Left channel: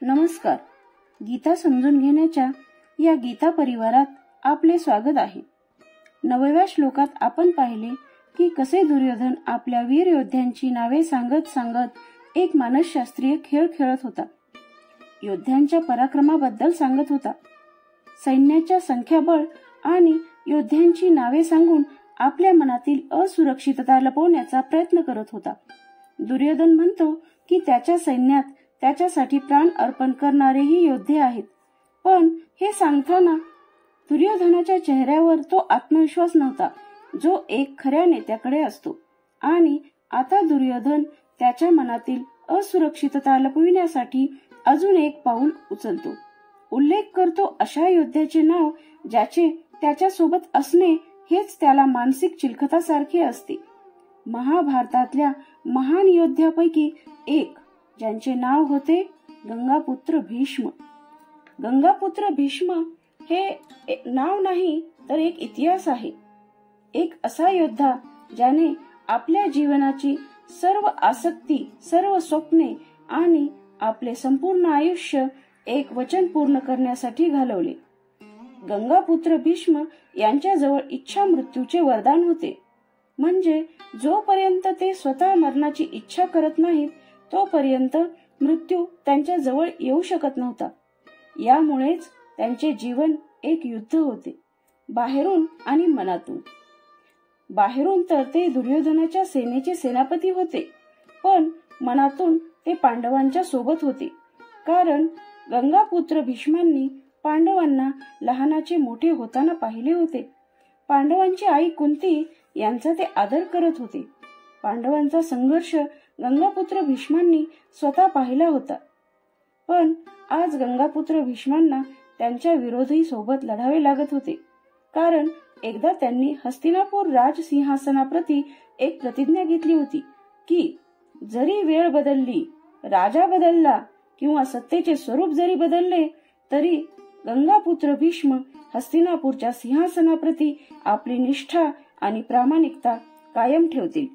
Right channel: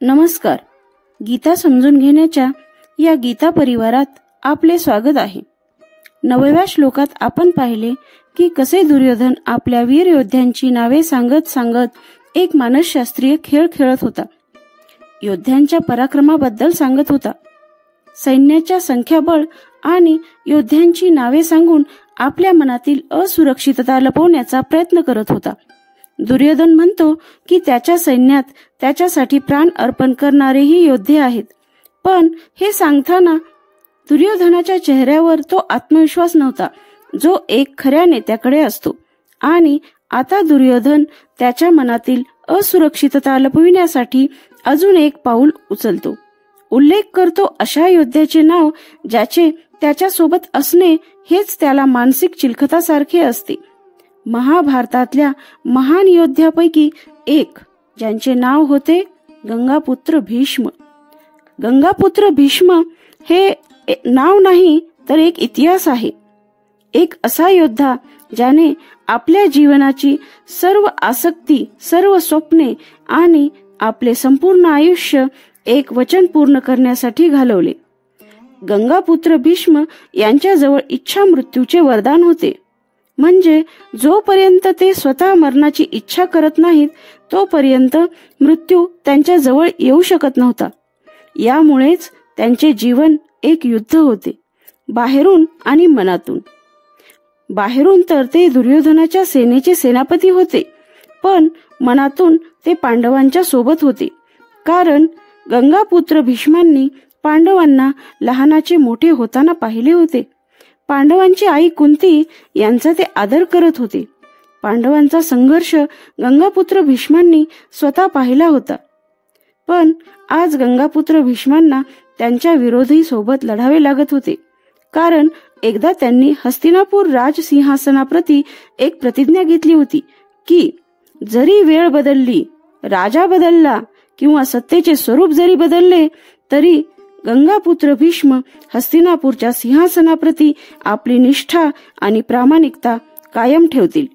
नमस्कार. गीता समजून घेण्याच्या या गीता परिवारात आपले स्वागत आहे. 9व्या श्लोकात आपण पाहिले की कसे दुर्योधन आपल्या वीर योद्ध्यांची नावे सांगत सांगत एक मानसशास्त्रीय खेळ खेळत होता. योद्ध्यांच्या पराक्रमाबद्दल सांगत होता. सैन्याच्या संख्याबळ आणि योद्ध्यांची नावे सांगून आपल्या मनातील असुरक्षितता लपवण्याचा प्रयत्न करत होता. दुर्योधन म्हणतो की त्याच्या सैन्यात त्याच्यासाठी प्राण अर्पण करणारेही योद्धे आहेत, पण हे सांगताना दुर्योधनाच्या चेहऱ्यावर तो आत्मविश्वास नव्हता जो एक खऱ्या नेत्याकडे असतो. आणि आता दुर्योधन त्याच्या मनातील असुरक्षितता लपविण्यासाठी अजून एक पाऊल उचलतो. उल्लेख करतो अशा योद्ध्याचे नाव ज्याचे त्याच्यासोबत असणे हेच त्याला मानसिक चिलखतासारखे असते. महाभारतातल्या महान योद्ध्यापैकी एक, ज्यांचे नाव होते गंगापुत्र भीष्म. गंगापुत्र भीष्म हे नाव नाही तर एक इतिहास आहे. एक असा योद्धा ज्याने आपल्या जीवनाची सर्व आसक्ती, सर्व स्वप्ने आणि आपले संपूर्ण आयुष्य एक वचन पूर्ण करण्यासाठी घालवले. गंगापुत्र भीष्म यांच्याजवळ इच्छा मृत्यूचे वरदान होते. म्हणजे जोपर्यंत ते स्वतः मरणाची इच्छा करत नाहीत तोपर्यंत मृत्यू त्यांच्या जवळ येऊ शकत नव्हता. यामुळेच त्यांचे जीवन एक युद्ध होते, बाहेरून आणि मनातून. बाहेरून तर ते दुर्योधनाच्या सेनेचे सेनापती होते, पण मनातून ते पांडवांच्या सोबत होते. कारण गंगापुत्र भीष्मांनी पांडवांना लहानाचे मोठे होताना पाहिले होते. पांडवांची आई कुंती यांचा ते आदर करत होते. पांडवांचा संघर्ष गंगापुत्र भीष्मांनी स्वतः पाहिला होता. पण आज गंगापुत्र भीष्मांना त्यांच्या विरोधी सोबत लढावे लागत होते. कारण एकदा त्यांनी हस्तिनापूर राजसिंहासनाप्रती एक प्रतिज्ञा घेतली होती की जरी वेळ बदलली, राजा बदलला किंवा सत्तेचे स्वरूप जरी बदलले तरी गंगापुत्र भीष्म हस्तिनापूरच्या सिंहासनाप्रती आपली निष्ठा आणि प्रामाणिकता कायम ठेवतील.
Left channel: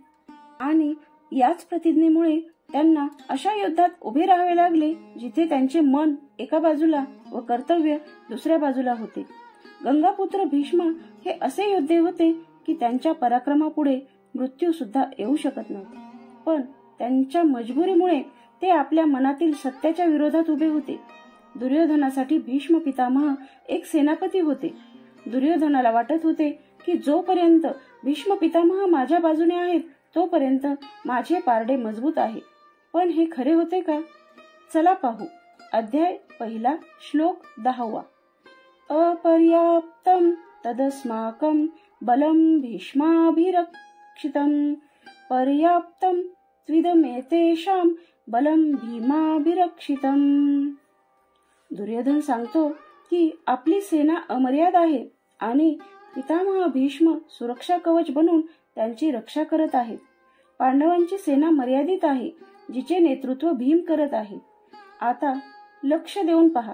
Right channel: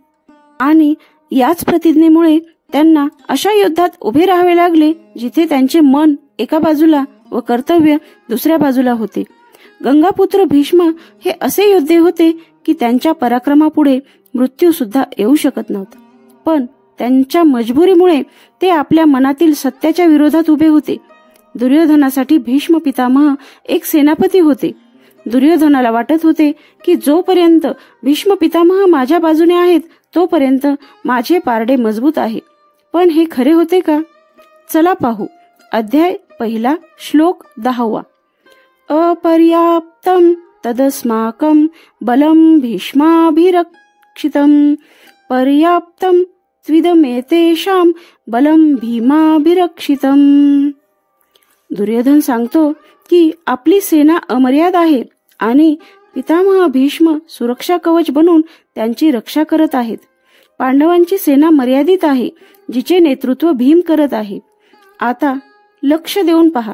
आणि याच प्रतिज्ञेमुळे त्यांना अशा युद्धात उभे राहावे लागले जिथे त्यांचे मन एका बाजूला व कर्तव्य दुसऱ्या बाजूला होते. गंगापुत्र भीष्म हे असे योद्धे होते की त्यांच्या पराक्रमापुढे मृत्यू सुद्धा येऊ शकत नव्हता. पण त्यांच्या मजबुरीमुळे ते आपल्या मनातील सत्याच्या विरोधात उभे होते. दुर्योधनासाठी भीष्म पितामह एक सेनापती होते. दुर्योधनाला वाटत होते की जोपर्यंत भीष्म पितामह माझ्या बाजूने आहेत तोपर्यंत माझे पारडे मजबूत आहे. पण हे खरे होते का? चला पाहू. अध्याय 1 श्लोक 10. अपर्याप्तम तदस्माकं बलं भीष्माभिरक्षितं पर्याप्तं त्विदमेतेषां बलं भीमाभिरक्षितं. दुर्योधन सांगतो की आपली सेना अमर्याद आहे आणि पितामह भीष्म सुरक्षा कवच बनून त्यांची रक्षा करत आहेत. पांडवांची सेना मर्यादित आहे जिचे नेतृत्व भीम करत आहे. आता लक्ष देऊन पहा.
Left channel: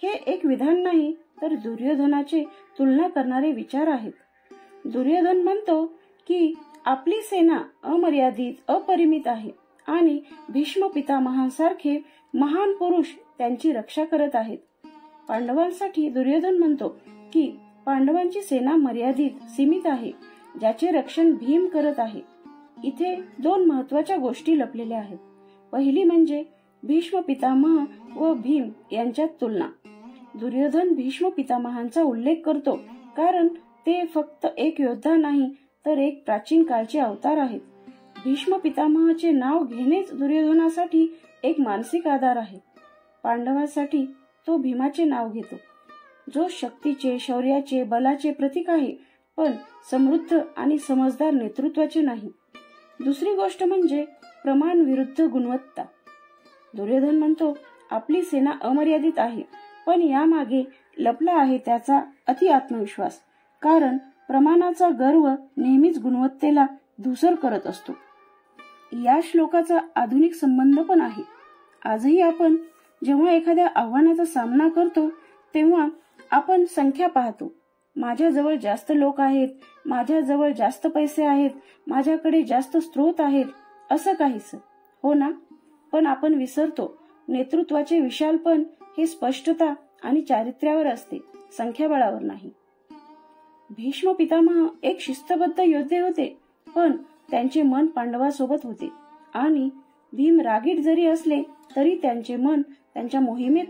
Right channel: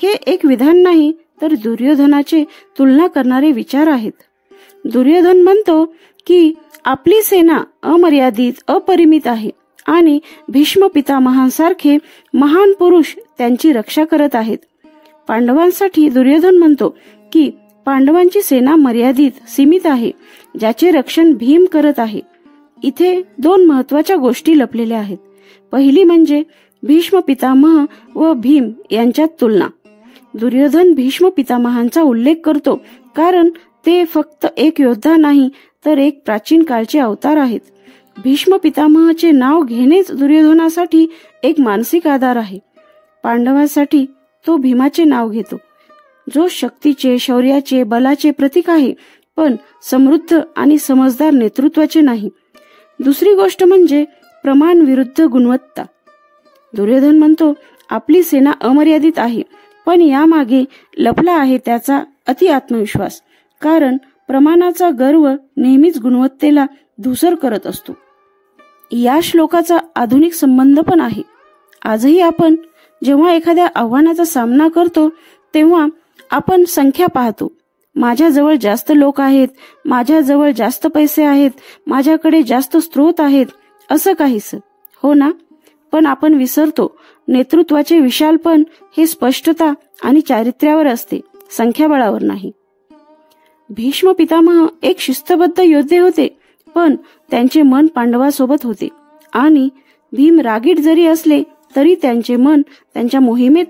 हे एक विधान नाही तर दुर्योधनाचे तुलना करणारे विचार आहेत. दुर्योधन म्हणतो की आपली सेना अमर्यादित, अपरिमित आहे आणि भीष्म पितामहांसारखे महान पुरुष त्यांची रक्षा करत आहेत. पांडवांसाठी दुर्योधन म्हणतो की पांडवांची सेना मर्यादित, सीमित आहे ज्याचे रक्षण भीम करत आहे. इथे 2 महत्वाच्या गोष्टी लपलेल्या आहेत. पहिली म्हणजे भीष्म पितामह व भीम यांच्यात तुलना. दुर्योधन भीष्म पितामहांचा उल्लेख करतो कारण ते फक्त एक योद्धा नाही तर एक प्राचीन काळचे अवतार आहेत. भीष्म पितामहाचे नाव घेणेच दुर्योधनासाठी एक मानसिक आधार आहे. पांडवांसाठी तो भीमाचे नाव घेतो, जो शक्तीचे, शौर्याचे, बलाचे प्रतीक आहे, पण समृद्ध आणि समजदार नेतृत्वाचे नाही. दुसरी गोष्ट म्हणजे प्रमाण विरुद्ध गुणवत्ता. दुर्योधन म्हणतो आपली सेना अमर्यादित आहे, पण यामागे लपला आहे त्याचा अति आत्मविश्वास. कारण प्रमाणाचा गर्व नेहमीच गुणवत्तेला धूसर करत असतो. या श्लोकाचा आधुनिक संबंध पण आहे. आजही आपण जेव्हा एखाद्या आव्हानाचा सामना करतो तेव्हा आपण संख्या पाहतो. माझ्याजवळ जास्त लोक आहेत, माझ्याजवळ जास्त पैसे आहेत, माझ्याकडे जास्त स्रोत आहेत, असं काहीच. हो ना? पण आपण विसरतो नेतृत्वाचे विशालपण हे स्पष्टता आणि चारित्र्यावर असते, संख्याबळावर नाही. भीष्म पितामह एक शिस्तबद्ध योद्धे होते, पण त्यांचे मन पांडवासोबत होते आणि भीम रागीट जरी असले तरी त्यांचे मन त्यांच्या मोहिमेत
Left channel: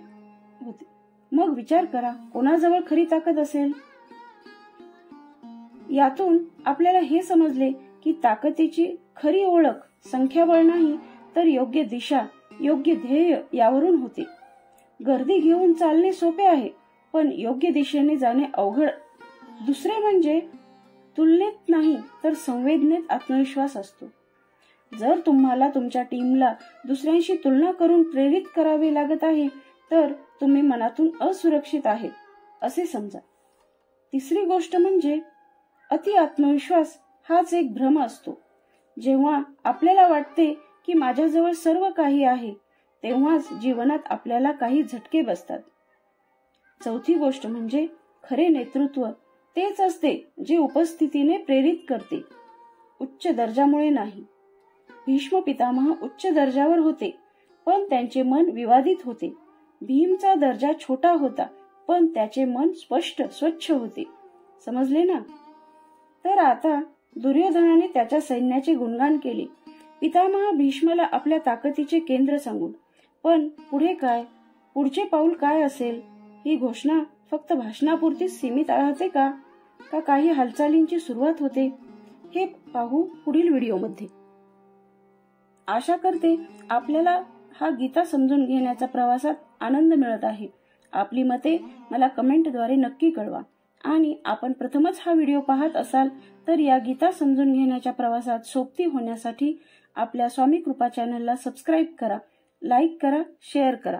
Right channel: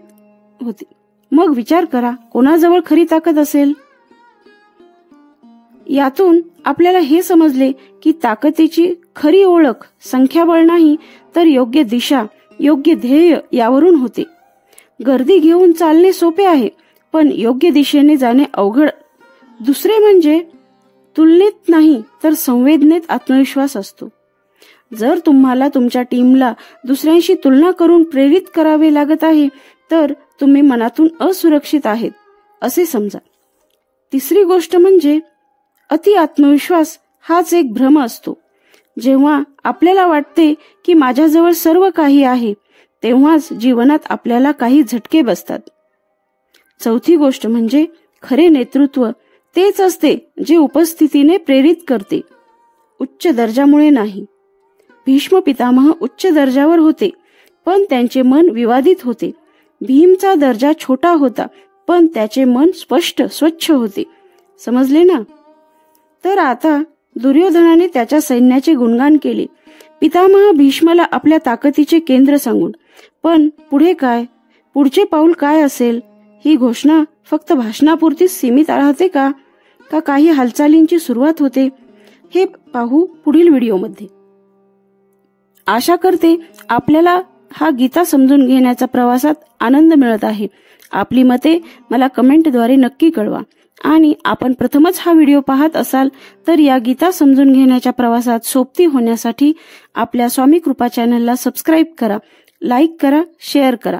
होते. मग विचार करा, कोणाजवळ खरी ताकद असेल? यातून आपल्याला हे समजले की ताकदीची खरी ओळख संख्याबळ नाही तर योग्य दिशा, योग्य ध्येय यावरून होते. गर्दी घेऊन चालणे सोपे आहे, पण योग्य दिशेने जाणे अवघड. दुसरे म्हणजे तुलनेत नाही तर संवेदनेत आत्मविश्वास असतो. जर तुम्हाला तुमच्या टीमला दुसऱ्यांशी तुलना करून प्रेरित करावे लागत आहे तर तुम्ही मनातून असुरक्षित आहेत असे समजा. तिसरी गोष्ट म्हणजे अति आत्मविश्वास हाच एक भ्रम असतो. जेव्हा आपल्याला वाटते की माझ्याजवळ सर्व काही आहे, तेव्हाच जीवनात आपल्याला काही झटके बसतात. चौथी गोष्ट म्हणजे खरे नेतृत्व तेच असते जे उपस्थितीने प्रेरित करते, उच्च दर्जामुळे नाही. भीष्म पितामह उच्च दर्जावर होते, पण त्यांचे मन विवादित होते. भीमचा दर्जा छोटा होता, पण त्याचे मन स्पष्ट, स्वच्छ होते. समजले ना? तर आता दुर्योधनाने त्याच्या सैन्याचे गुणगान केले. पितामह भीष्माला आपल्या ताकदीचे केंद्र सांगून. पण पुढे काय? पुढचे पाऊल काय असेल? ही घोषणा फक्त भाषणापुरतीच सीमित राहते का काही हालचालींची सुरुवात होते? हे पाहू पुढील व्हिडिओमध्ये. आशा करते आपल्याला हा गीता समजून घेण्याच्या प्रवासात आनंद मिळत आहे. आपली मते मला कमेंटद्वारे नक्की कळवा. आणि आपण प्रथमच हा व्हिडिओ पाहत असाल तर या गीता समजून घेण्याच्या प्रवासात सोबती होण्यासाठी आपल्या स्वामी कृपा चॅनलला सबस्क्राईब करा, लाईक करा, शेअर करा.